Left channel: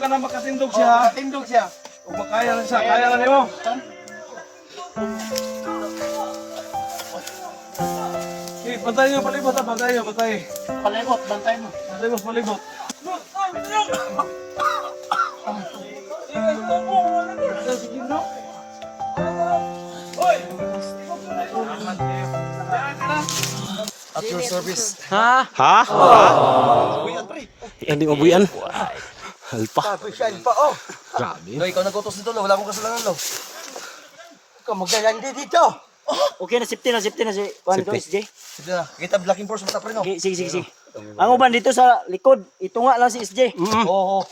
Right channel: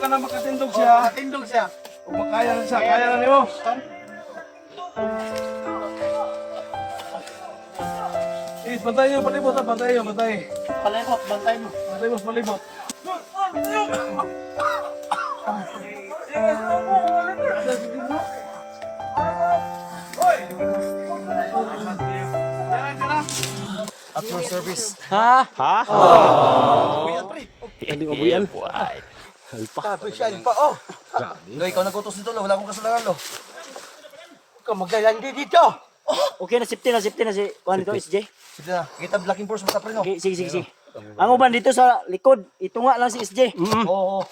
ka na makatindog siya. Matindog siya. Kung makaya na siya, kaya na niyo. Bantay niyo, palibot ha, bantay niyo, bantay. Palibot, bantay mo. Bantay mo, palibot. After service. Ha? Ha? Hindi mabuyan. Alpa. Alpa, oh. Lo, ikaw nagutos nito, lo. Wala akong kasalanan, lo. Ikaw maglalandi dito. Okay na, safety na si Juan ko, SJ. Sige na, kita blocking force mo tapre, no? Okay, sige. Ang uban dito sa likod, itunga lang si SJ. Oo.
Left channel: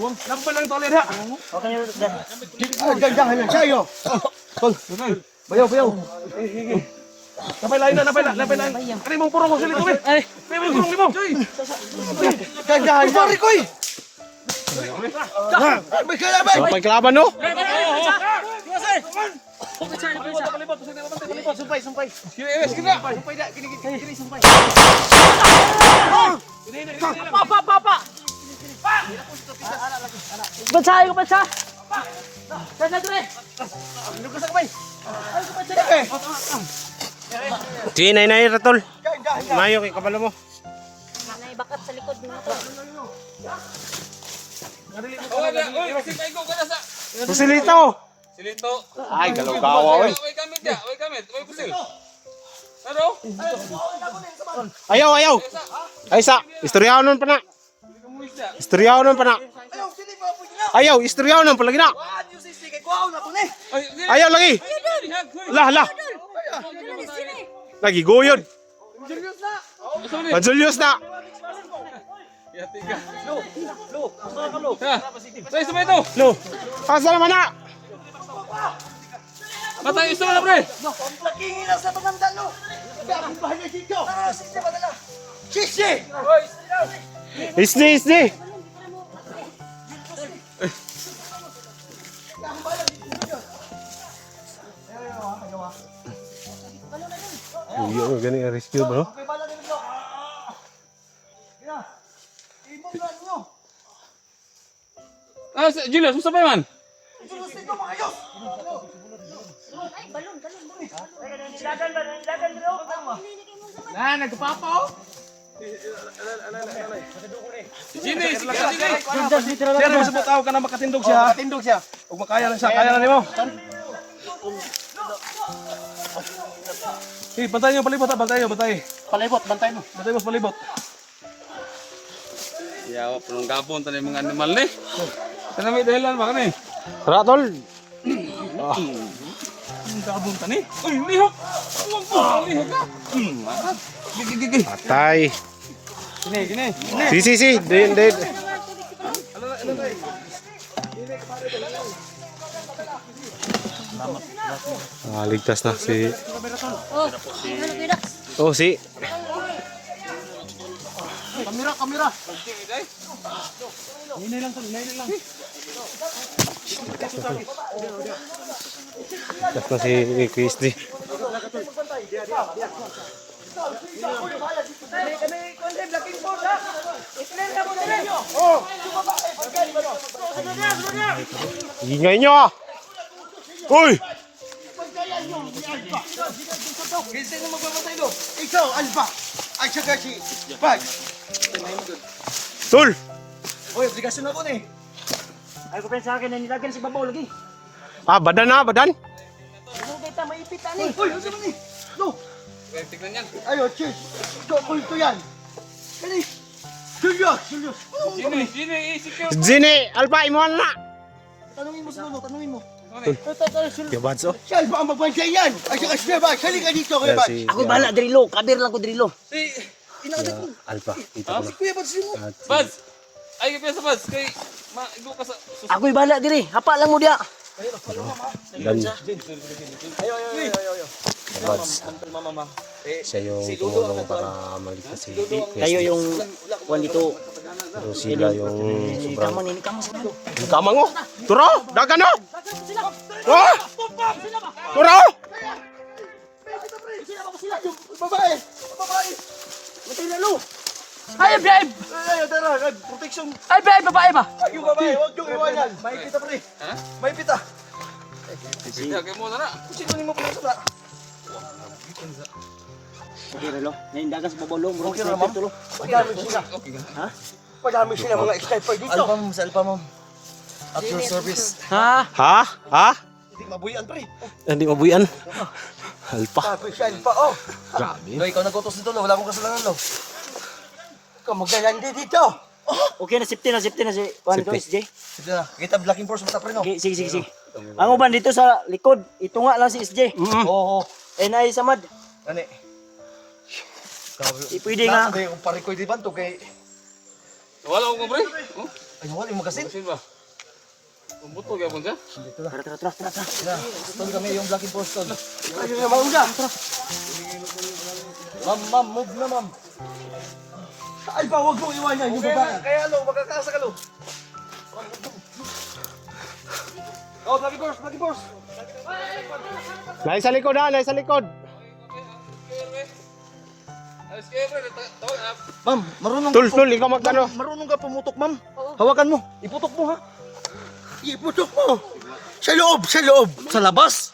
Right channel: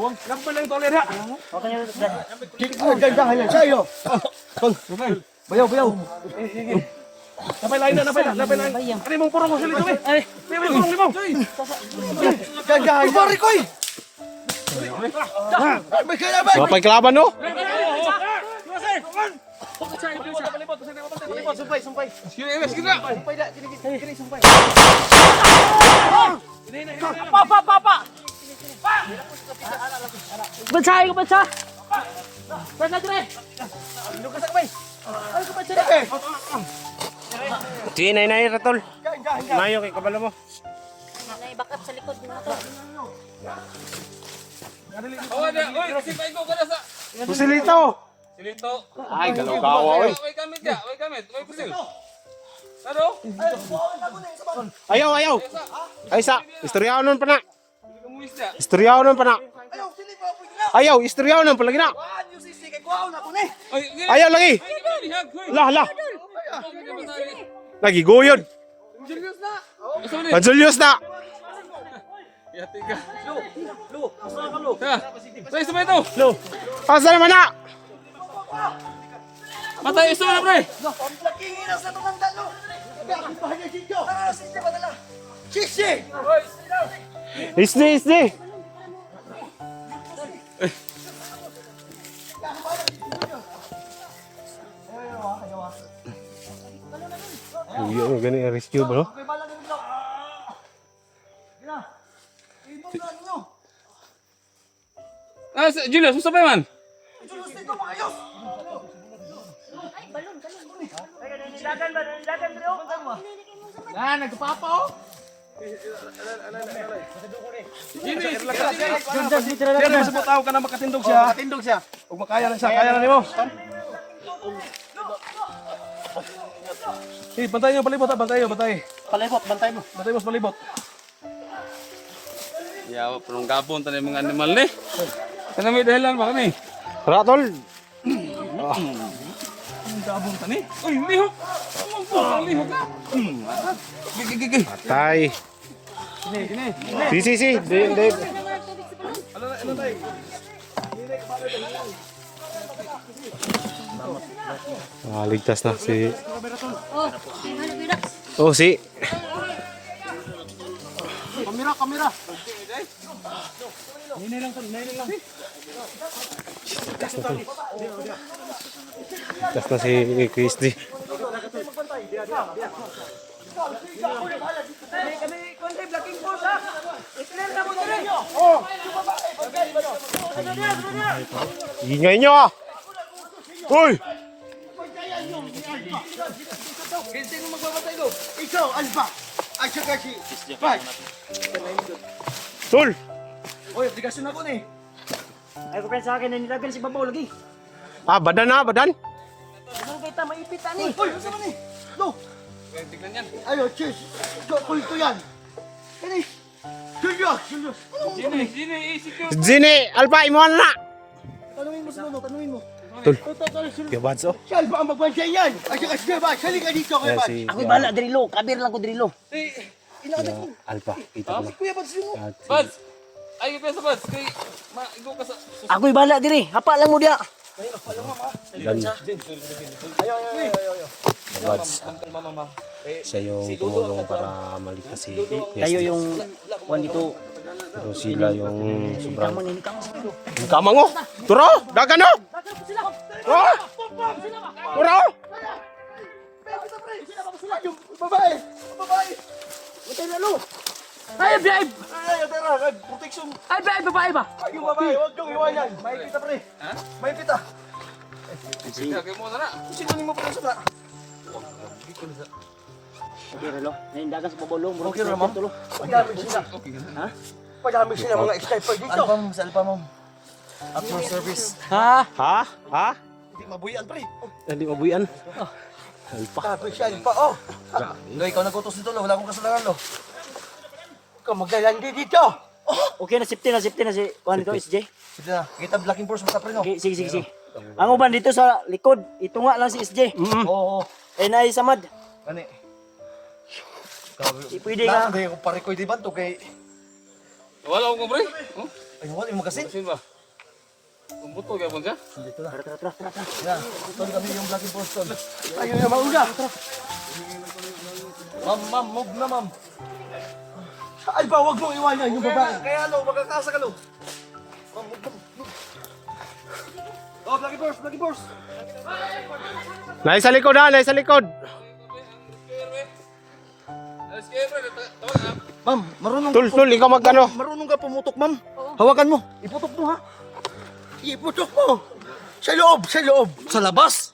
Lampal lang toler ha. Okay na, Gandahan yan siya, yo. Bayaw. Napay lain na. Ano mong purong ko sila ito eh? Pwede mong purong mo. Gandahan yan. Sorry, koy. May kalaban. Wapay kalaban no? Palibot, sumpay. Sige na. Sumpay da, kini sumpay. Pa! Bansay ko, bansa! Sana dire! Ano ka sa kamay? Sige, nay, ratol. Gandahan ka. Mayo kay kabalo mo. Naibakat sa likod mo to. Silito. Silito. Ay, galaw-gawa. Way kamit. Way pusil. Ano? Ayaw. Ay sa, istoryaw nun pa na. Ayaw, istoryaw nun palagi na. Ayaw lagi. Lah. Lagi goyod. Pansulyos na. Say sabay ito. Asa naman na? Matay iso na pre. Lakingin na sa pangandalo. Bakit ba niya dito? Sisi padala. Sisi! Isdi. Uyo, gani rescue ba no? Julius, musta pa man? Sir, masabot ako ka na makatindog siya. Matindog siya. Kung makaya na siya, kaya na niyo. Bantay niyo, palibot ha, bantay. Palibot, bantay mo. Bantay mo, palibot. Yawa, panong gabon tayo mga animal ni. Kana may dahilan ba kani? Ratol. Anong gabon tani? Uy, lihok! Lihok ka! Gigi. Patay. Gini. Si. Dead. Ligtas na si. Oh, si. Kamera. Ligtas na si Christy. Ingay nyo ah! Uy! Sino magpapatay doon? Ikaw, Alba. Ay, saka si Bag. Tul! Uy, obligasyon ako ni. Ay ko sa akin na nilagyan si Babaw lagi. Ah, badan na, badan. Ano kita maipit ani? Uy, ano naman ni? No. Ayo, cheers. Kulto yan. Ano eh? Julius. Zine, Alpa, imuhan na! Tanungin mo sa lolo, tanungin mo. Yabads oh. Si Alba ang magbantay yan. Ay, saka si Bag. Halika dito kay Bag. Si Ako bala drilo, kabir lang ko drilo. Alpa, kita ko na. Kuya, Bag, sino? At Buds! Ay, kaya sa Buds, kay maigo ka sa... Ako'y bala diri, hapa lang mo dia. Yabads. Siya yung tumulong para maligtas si Kayo Christy. yung kuan dito. Pero sila yung sobrang... Kamon ini kamo sa dulo. Kamang oh! Turo! Dagan oh! Oh! Ura! Yung babae! Babae! Natay na lo! Ay, babe! Ay, tara, protection! Ay, babe, babae ba? Yung babae, huwag yung iwanan! May pita pre! May pita! Sino ni mo pa sa Okay ralo. Naindagan sa babalong, murag Okay, sniper ma'am. tulo. Padami sila. Ha? Padami sila mga sniper dito. Alpha ma'am, sa Alpha ma'am. At your service. Ha? Ha? Hindi mabuyan pre. Hindi mabuyan. Alpa. Sabi siya, pa oh. Lo, ikaw nag-utos nito, lo. Wala akong kasalanan, lo. Ikaw maglalandi dito. Okay na safety na si Juan ko SJ. Sige na. Kita blocking force, basta pre, no? Okay, sige. Ang uban dito sa likod, itunga lang si SJ. Oo. Ay naay samad. Ani. Di pwede nga. Hindi ko parikoy di banto kay... Wala ko, pre. Ay, wala yung magasin. Sino ba? Umbuto kaya mo siya? Tara. Tol kami yung blocking force, tol. Ayun na mauna. Ma'am, move na, ma'am. Ay ba, huwag mong iwanan yung babae. Kaya, lo, magkakasa ka, lo. Oh, Lucky Force. Nais sa likod ha, nais sa likod. Ma'am, marunong Tul, ikaw magkano? Marunong ka pumutok, ma'am. Hawakan mo. Iputok mo, ha? Iputok mo. Sa loob. Sa labas.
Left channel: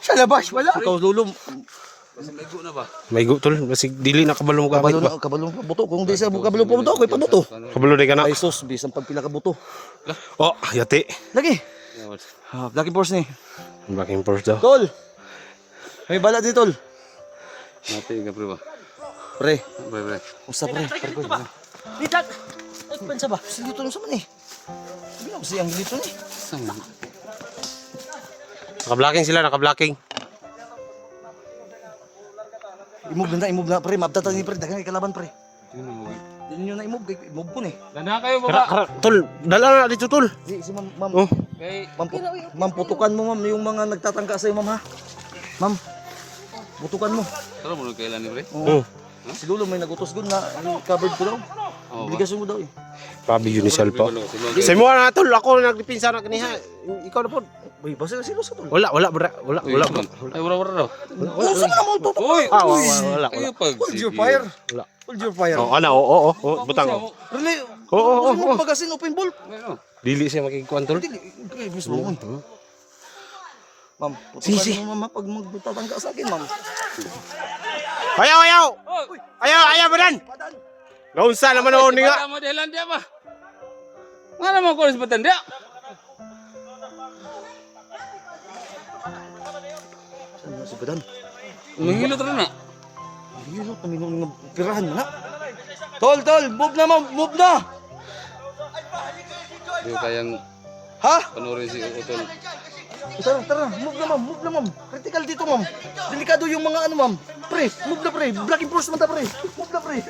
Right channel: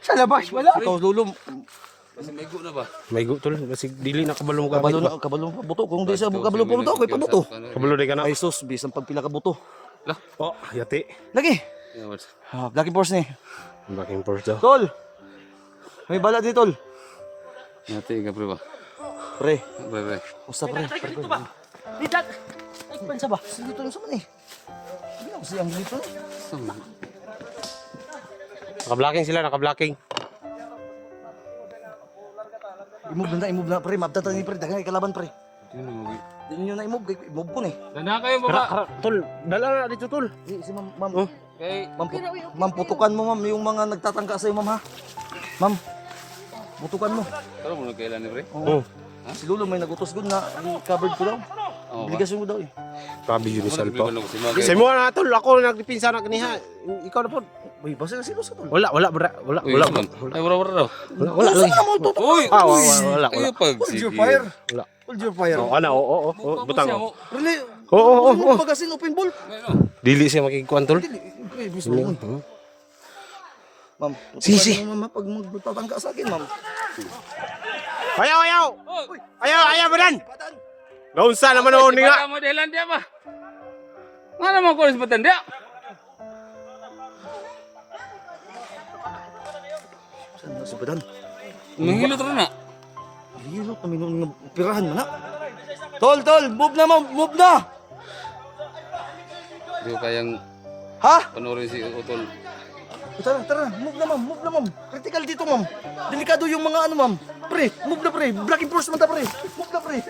Sa labas, wala. Ikaw, lulum. May go tol, basig dili na kabalo mo gamit ba. Kabalo pa buto. Kung di sa kabalo pa buto, ako'y pabuto. Kabalo di ka na. Ay, sus, bisang pagpila ka buto. Oh, yati. Lagi. Blocking force ni. Blocking force daw. Tol. May bala di, tol. Mati ka, pre ba? Pre. Pre. Usa, pre. Dito ba? Dito. Ay pansa ba? Sige, tol, sa man eh. Sabi na, kasi ang dito ni. Naka-blocking sila, naka-blocking. Imove na, pre. Mabdatan ni, pre. Dagang ikalaban, pre. Hindi nyo na imove. Imove ko ni. Dana kayo, baba. Tol, dala na dito tol. Si ma'am. Oh. Kay, Ma'am, putukan mo, ma'am. Yung mga nagtatangka sa'yo, ma'am, ha? Ma'am, putukan mo. taro mo na kailan ni, pre? Oh. Si Lolo may nagutos doon na covered ko daw. Obligasyon ko daw eh. Grabe yun ni Selpa. Sige, Sa mo na tol, ako nagdipinsa na kaniha. Ikaw na po. Uy, basta ka silo sa tol. Wala, bra. Wala. Ay, wala daw. Uso na mo ito. Uy, Wala. kayo pag. Hold your fire. Wala. Hold your fire. Oh, ano, oo. Butang. Really? Oo. Magasin open ball. Dili siya makikuan tol. Okay, mismo. Ma'am, putukan mo, ma'am, pag magtatangka sa akin, ma'am. Ayaw, badan. Naunsa naman ako ni nga. Mo dahilan dia ba? Nga naman ko sa batanda. Saan sa badan? Mahilot rin na. Hilot, naminong na pirahan mo na. Tol, move na, ma'am, move na. Hindi ko kayang Ha? panurin si Utol. Tara, move na, ma'am. Critical dito, ma'am. Delikado yung mga ano, ma'am. Pre, move na, pre. Blocking force man ta, pre. Move na, pre.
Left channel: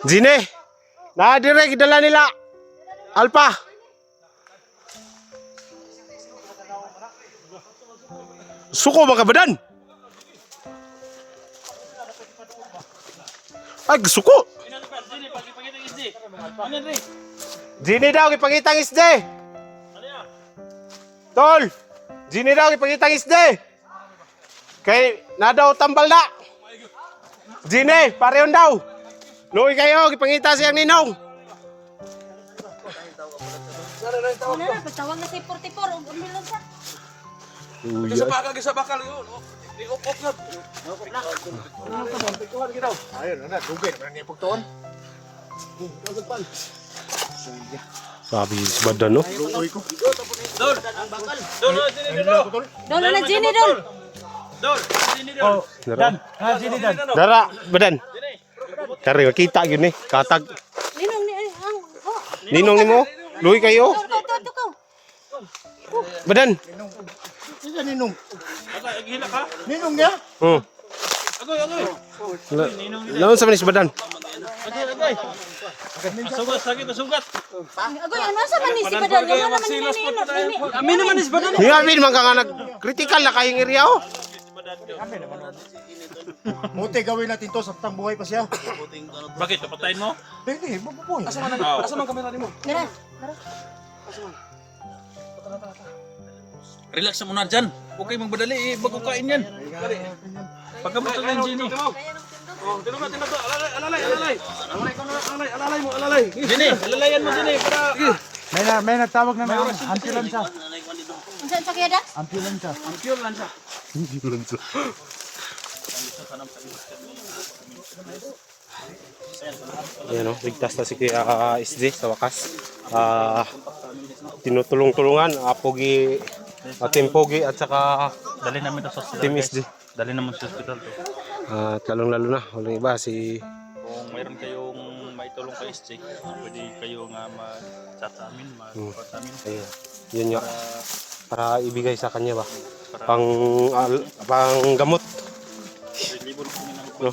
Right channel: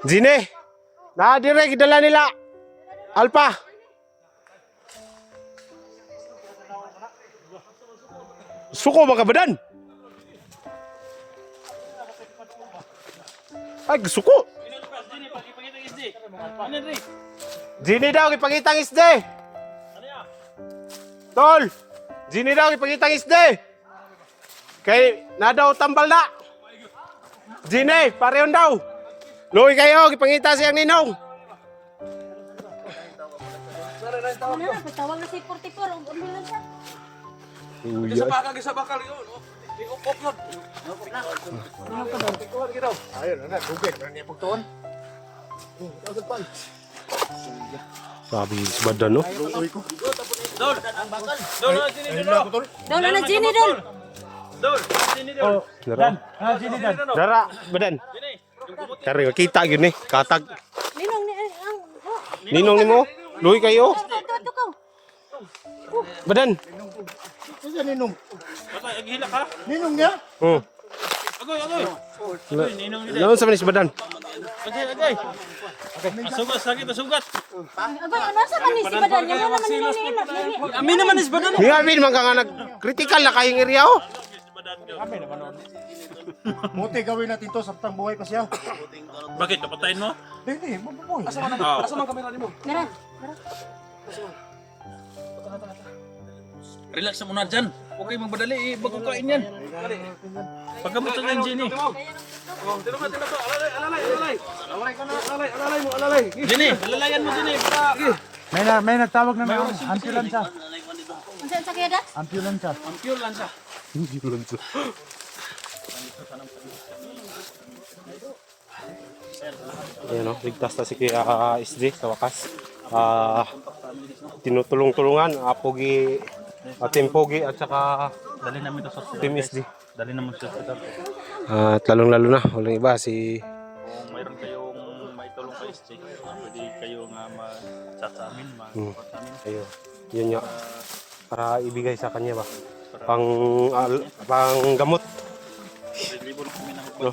Zine. Na dire gidala nila. Alpa. Suko ba ka badan? Ay, suko. Zine daw ipangitang isde. Tol. Zine daw ipangitang isde. Kay na daw tambal na. Zine, pareon daw. Luoy kayo, ipangita siyang ninong. Ano na, patawag na si 44, ambulance pa. Uya. Sa bakal yun. Iukop na. Ayun, na, dugay naman niya pagtuon. Sabi si Badan, no? Doon na Jenny doon. Dara, Badan. Tari, makita yun eh. Katag. Ninong ni Ninong ni mo? Luoy kayo? Ito ka. Badan. Sige, ninong. Ninong niya? Oh. Laon sa manis Badan? Agoy, ano sa manis si Badan? Ano naman ni Ninong? Amin naman is ba? Ngamin man ka nga nag-critical na kayong area, oh. Buti gawin natin to sa buhay pa siya. Bakit? Papatayin mo? Hindi, mabubuhay. Asa man kamera nimo? Meron. Relax mo na dyan. Huwag kayo magbadali eh. Bago kain yan. Pagkamot lang yan, Jenny. Oh, tinama to. Alalay. Alalay mo. Jenny, alalayan mo, Jenny. Para... May nagtawag na ambulansya. Saan pa kaya da? Ambulansya. Ayan o, ligtas na si Kuya SD sa wakas. Tinutulong-tulungan, Pogi, Team Pogi at saka Dali namin ito sa hospital. Team SD. Dali naman sa hospital. At lalong-lalo na, walang iba si... Kung mayroon kayong maitulong kay SJ, pwede kayo nga ma-chat sa amin, ma-report sa amin. Ayun, yun nga. Para ibigay sa kanya ba? Pang gamot. No,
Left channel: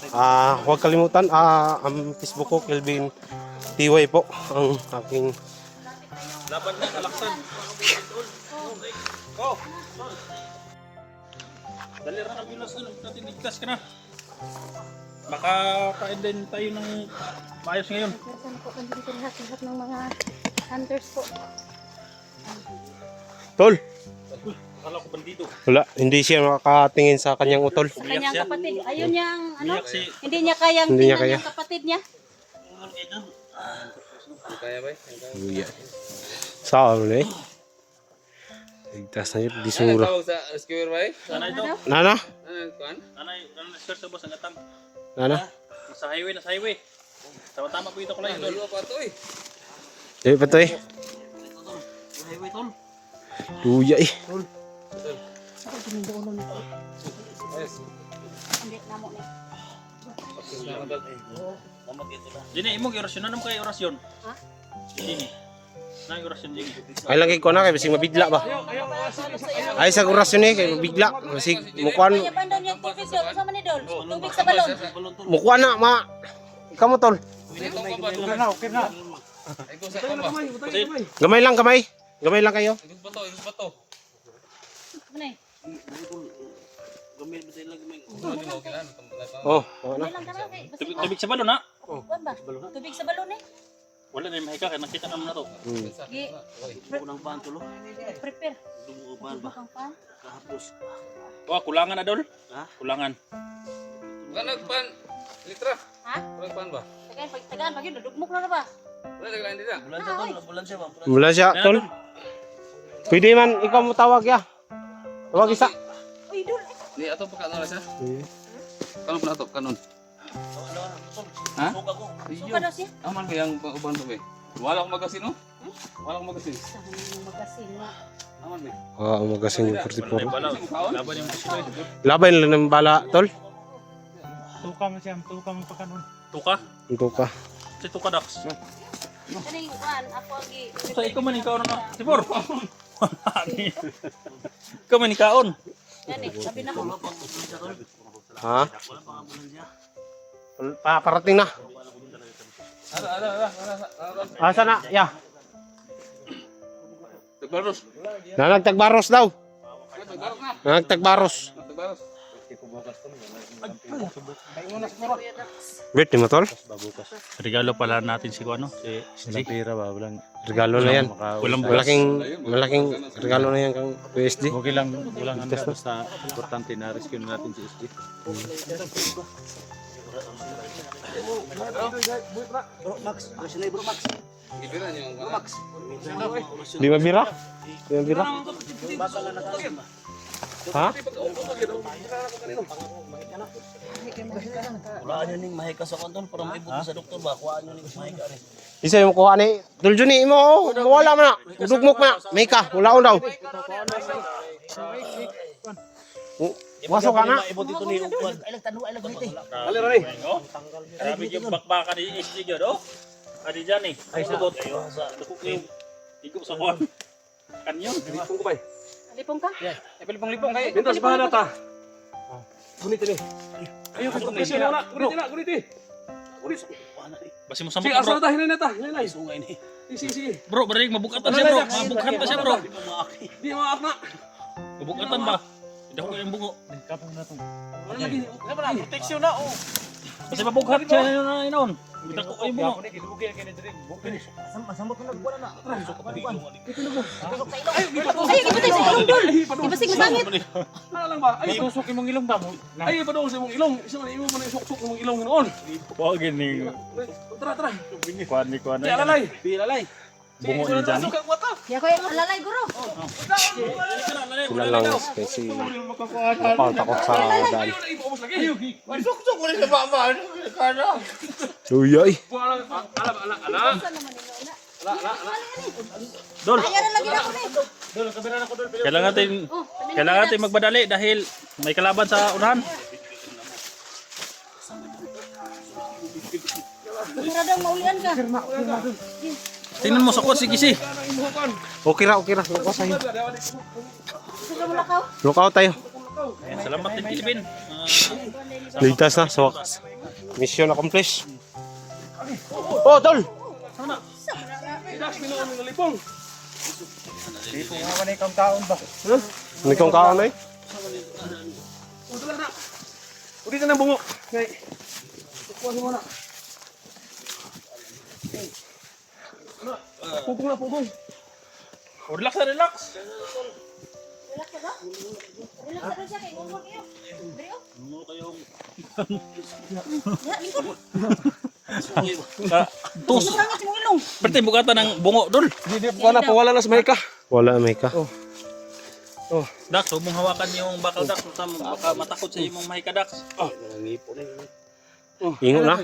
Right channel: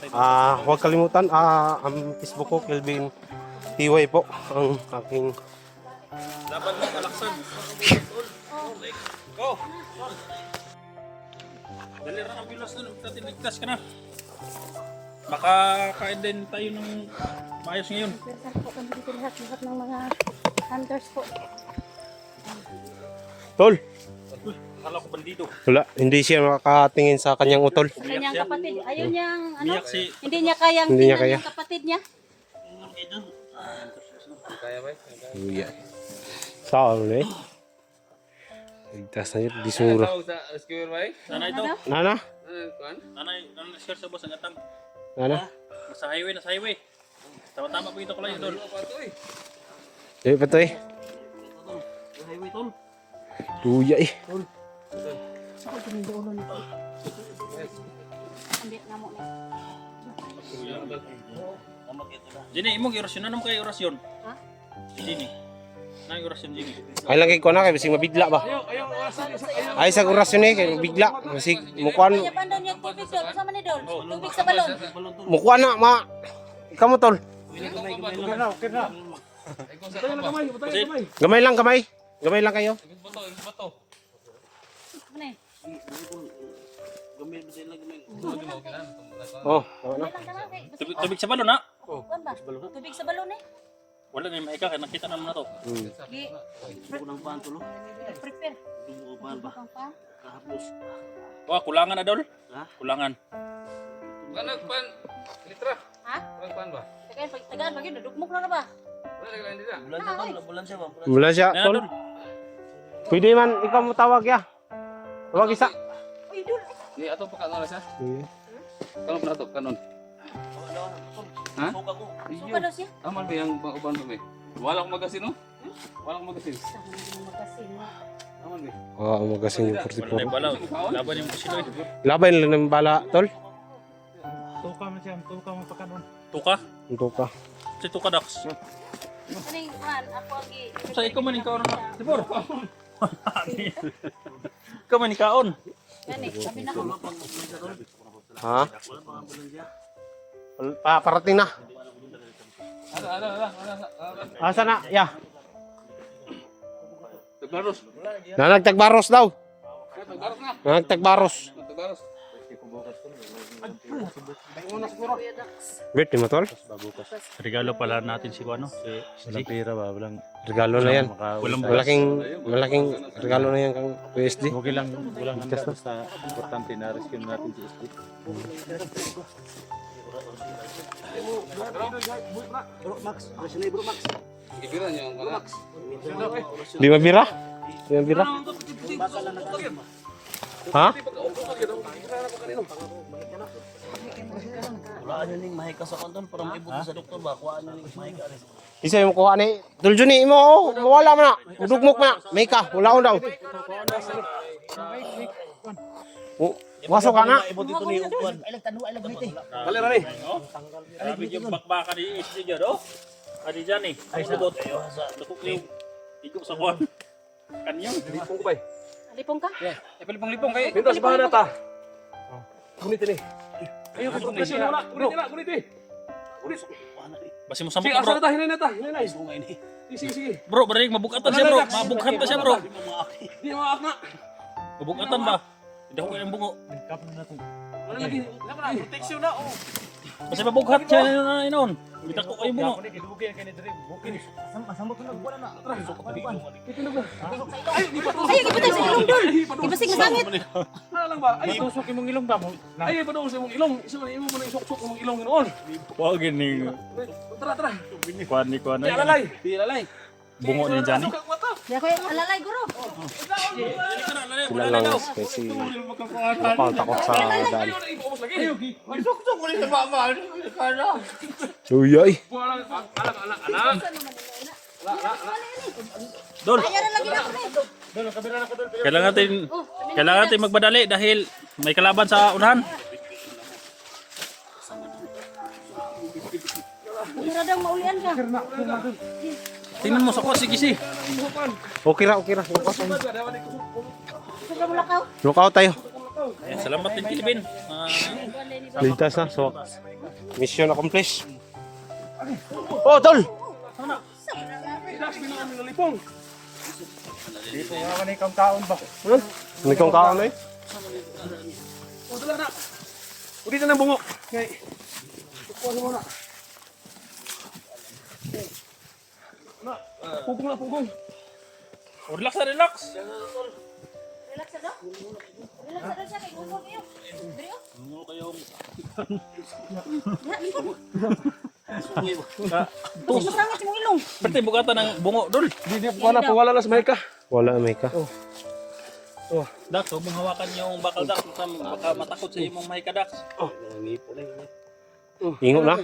huwag kalimutan, ang Facebook ko, Kelvin TY po, ang aking... Laban niya, kalaksan. Go! Dali rin ang bilos doon, ligtas ka na. Makakain din tayo ng maayos ngayon. Saan po kung dito lahat ng mga hunters po. Tol, Akala ko bandido. wala, hindi siya makakatingin sa kanyang utol. Kanyang kapatid. Ayun yung ano. Umiyak si... Hindi niya kayang Hindi niya tingnan kaya. yung kapatid niya. Uya. Saan na eh? Ligtas na yun, di sura. Nanay ito. Nana? Nanay share sa boss ang atang. Nana? Nasa highway. Tama-tama po ito ko lang ito. Dami pa to eh. Highway tol. Luya eh. Hindi na mo na. Dini, imong orasyon. Anong kayo orasyon? Ha? Dini. Nang orasyon Dini. Ay lang kay ko na kay basig mabigla ba? Ay sa orasyon eh kay mabigla. Basig mukuan Kaya bandang yung tubig doon. Sama ni Dol. Tubig sa balon. mukuan na ma. Ikaw mo tol. Gamay lang gamay. Gamay lang kayo. Ano eh? Oh, tama na. May lang ka na. Tubig sa balon ha? Kuwan ba? Tubig sa balon eh. Wala na yung mahika. Nakita naman na to. Gi. Prepare. Dumuuban ba? Wah, kulangan na dol. Kulangan. Ha? Tagaan pag yun. Nadugmok na ba? Mula siya tol. Pwede man ikaw mo tawag ya. Tawag isa. Uy, Dol. Ni ato pa kanala siya. Kanon pa ato kanon. Ha? Suka daw siya. Aman ba yang uban to be? Wala akong magasin no? Wala akong magasin. Sa mga magasin nga. Aman ba? Ah, umagasin yung 44. Bala. Laban yung sinoy. Laban lang ng bala tol. Tuka? Ito ka. Si Tuka Dax. Kaning kuwan. Ako ang gi. Sa ikaw man ikaw na. Sibor. Ikaw man ikaon. Yan eh. Sabi na ko. Ha? Parating na. Asa na? Ya. Tagbaros. Nagtagbaros daw. Nagtagbaros. Tagbaros. Wait, di mo tol? Regalo pala natin si ano? Si Pira ba? Walang Regalo na yan. Walang Malaking regalo na yan kang PSD. okay lang, walang handa basta importante na rescue natin si SD. Ibiran yung Max. Di mabira? Di mabira? Ha? Wala nyo ning mahika sa kontol para maibot sa doktor ba? Kuhaan nyo ning mahika rin. Isa yung kuha ni Duljuni mo. Oh, mawala mo na. Udugmok mo na. May ka. Wala ko daw. Wasok ka na. Maibot ito ni Ukwan. Ay lang tanong, ay lang ganito eh. Dali ronay. Sabi yung bakbakan ni SD dyan, oh. Adi dyan eh. Ay, sabot. Nakuklim. Ikaw sa kuwan. Kanyon. Lipong ko ba? Lipong ka? Lipong kay. Pintas bahan na ta. Gunit ini. Ayo ko kasi wala. Gunit eh. Gunit. Basi mo samot Sige, na asa bro. na ta hinay na ta. Hinay. Sungay ni. Sige. Bro, balik mabukatan siya bro. Mabukatan pa siya bro. Di maak na. Mabukatan ba? Hindi ako kayang bungo. Wala lagi. Proteksyon na, oh. Kasi mabughat siya na noon. Kita ko kayo mo. Masamot na wala na. Ay, ipatay sa ilong dol. Ipasing sangit. Wala lang ba? Ay, Tusok imong ilong ba mo? ay, padong sa imong ilong. Isa man imo mo na isok-sok imong ilong noon. Wa gini. Tara. Kuan ni kuan. Di alalay. Di alalay. Bungo ni Johnny. Di ako yung alalay, guro. Sila lang kasi napal takot sa daan. Uyay. Dol, Ayan na lagi na ako, eh. kailangan natin magmadali dahil may kalaban sa unahan. Para daw maulian ka. Tingnan mo sa kuha, sige si. Okay ra. Lukaw tayo. Saka mo lakaw. Lukaw tayo. Ayan, salamat din Pilipin. Ligtas na. So, mission accomplished. Oh, tol! Idas bilang kami nalipong. Ano kong kaon eh? Dala na. Dito na bungo. Okay. Kuha mo na. Pugong na, pugong. Oh, relax na, relax. Relax ka ba? Relax ka siya, kay Gungon kayo. Brio? Ya, lingkod. Tus. Masangit mong ilong. Berarti bukatan ng bungo, Dol. Hindi, pawala na sa Meka. Wala, may ka. Dax, huwag mong hawakan yung bakal, Dax. Baka matakot sa imong mahika, Dax. Ingo na.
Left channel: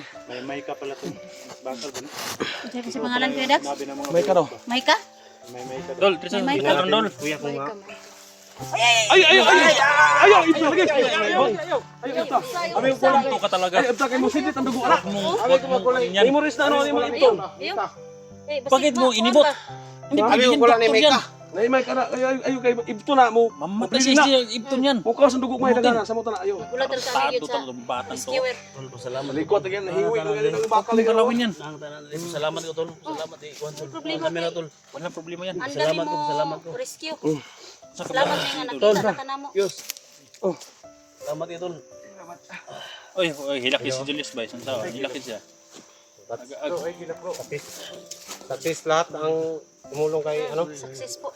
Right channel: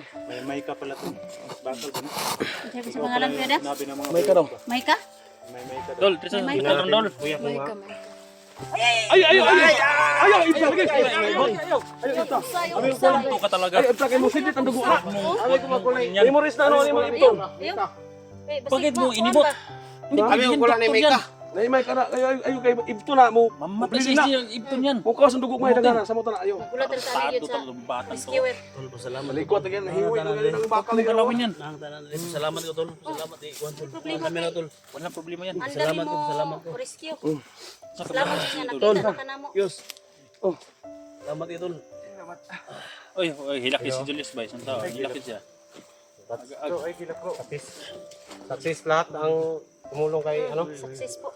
Sabi sa pangalan ko, Dax? Meka ro. Maika? Dol, Tristan, May ikaw Dol. Kuya ko nga. Ayaw, ito lagi. Ayaw, ito. Abi ko lang to ka talaga. Ayaw, ito kay mo sidit ang dugo na. Ayaw ko magkulay. Memories na ano ni mga ipton. Ayaw. Eh, basta Bakit mo ma- inibot? Hindi Abi pwede ko yan, wala ni doktor may yan. ka. Nay may kana ayaw kay ipton na mo. Mamatay Mamatay sa na. ibton yan. Mukha sa dugo may dagana sa mo na ayaw. Wala talaga Tato yun sa talaga batang to. skewer. Malikot again nahiwi ng galit ang bakal ni Kalawin yan. Salamat ko tol. Salamat eh. Kuan tol. Problema. Kamera tol. Wala problema yan. Salamat mo. Rescue. Salamat nga nakita ka na mo. Yus. Salamat eh tol. Oy, hilakis si Julius ba? Isang tao. Hilakis siya. Satis lahat ang tumulong kay ano. Success po.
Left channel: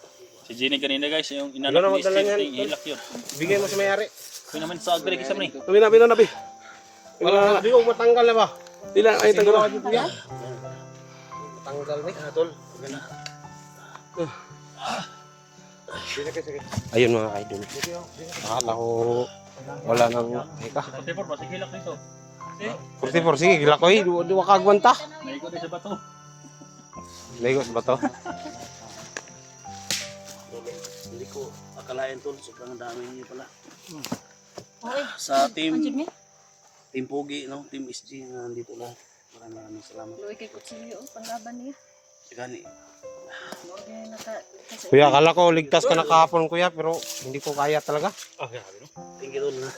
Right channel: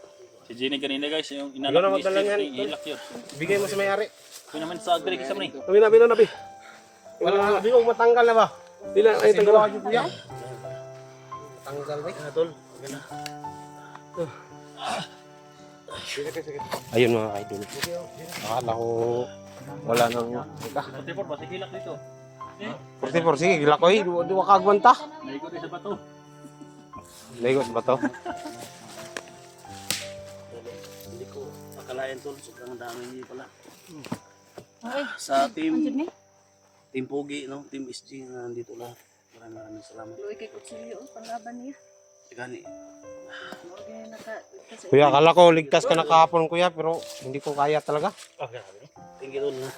Si Jenny kanina guys, yung Ikaw na inalak ni magdala niyan, Steve, Tol. hilak yun. Bigay mo sa may-ari. Yun naman sa agri kasi ni. Bina nabi. Wala, di ko matanggal na ba? Dila ay tanggal. Matanggal ba? Ah tol. Okay na. Ayun mga idol. Akala ko wala nang eka. Pati po, masig hilak dito. 44, sige, gila ko eh. Di wakagwanta. Naikot din sa bato. Lego sa bato. Hindi ko akalain tol. Sobrang dami niyo pala. Okay. Sa Anjib team niya? Team Pogi no, Team SG na nandito lahat. Maraming salamat. Luwi kay Kutsilyo. Panglaban niya. Gani. Okay, naka... Kuya, akala ko ligtas ka na kahapon kuya, pero hindi ko kaya talaga. Thank you tol na.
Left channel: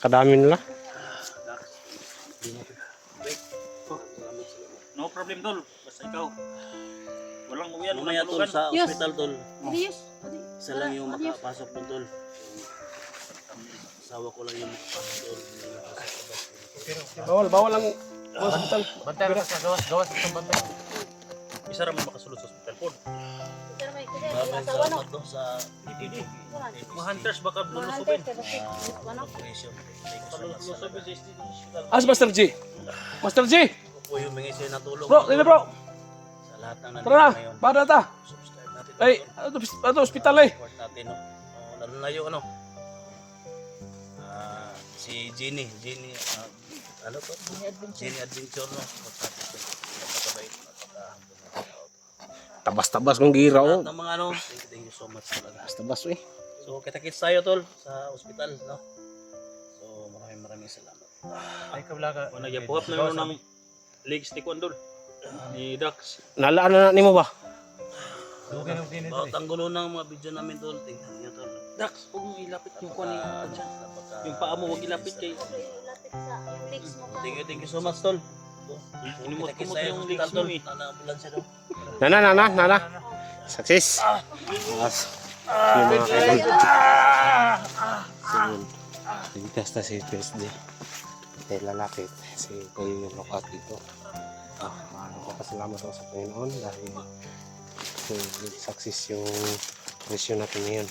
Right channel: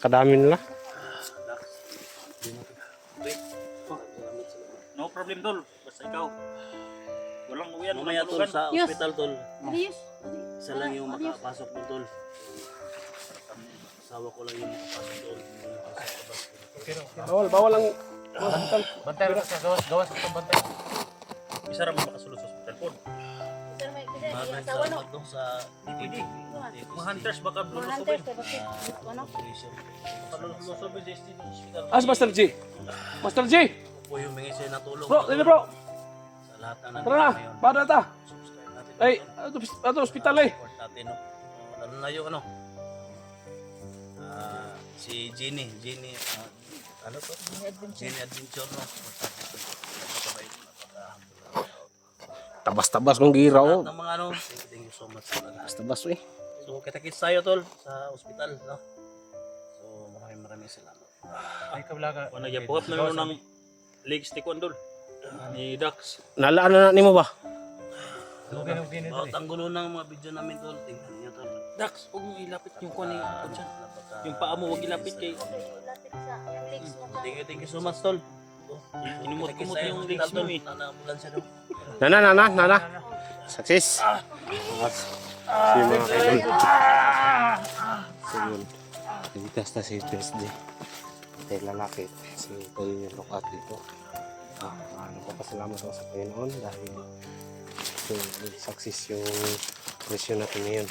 Kadami nila. Dax. No problem Dol, basta ikaw. Walang uwian, Mamaya walang tol tulugan. sa Yes. ospital tol. Marius. Isa lang yung makapasok doon tol. Asawa ko lang yung makapasok doon. Hindi na sa labas. Bawal lang. Bantay ka sa gawas sa bantay. Isa raman makasulod sa hospital po. Sir, may kasi Maraming asawa no. salamat no sa Mga hunters baka Mga lulusubin. hunter, kay bakit? Ano? operation. Thank you so much. Lulusubin sa SD ng hospital. As Master G. Master G. Ako po yung mingi sa'yo na tulong. Bro, dili bro. Sa lahat ng Tara na. nandito ngayon. Bada ta. Subscribe natin. Ay, ato hospital eh. Support natin no. Lalo na yung ano. Si Jenny. Ano to? Jenny Adventure no. Support natin. Napakabait. Tabas-tabas kong gira oh. Ng mga ano. Thank you so much talaga. Tabas eh. So kita-kits tayo tol sa ospital no. So maraming salamat. Ay kablaga. O nagyabuhat na yun ng leg stick on Dol. Ni Dax. Nalaan na nimo ba? Dugay nito. Bawat ang gulo ng mga video namin tol. Tingnan niyo tol. Dax, huwag mo ilapit yung kuha ni Napaka- yung paa mo, huwag ilapit kay... Lapit sa yung legs mo ka. Thank you so much tol. Kita-kits tayo sa ospital tol. Nana-ambulansya no. Nana. Success. Yes. Yung mga idol. Sige. Ligas na si PSG. Kaya lalapit si Kuya Lokat dito. Nagpapasalamat ako sa Panginoon dahil success yung mission natin ngayon.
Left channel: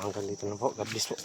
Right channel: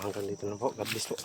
Hanggang dito na po. God bless po.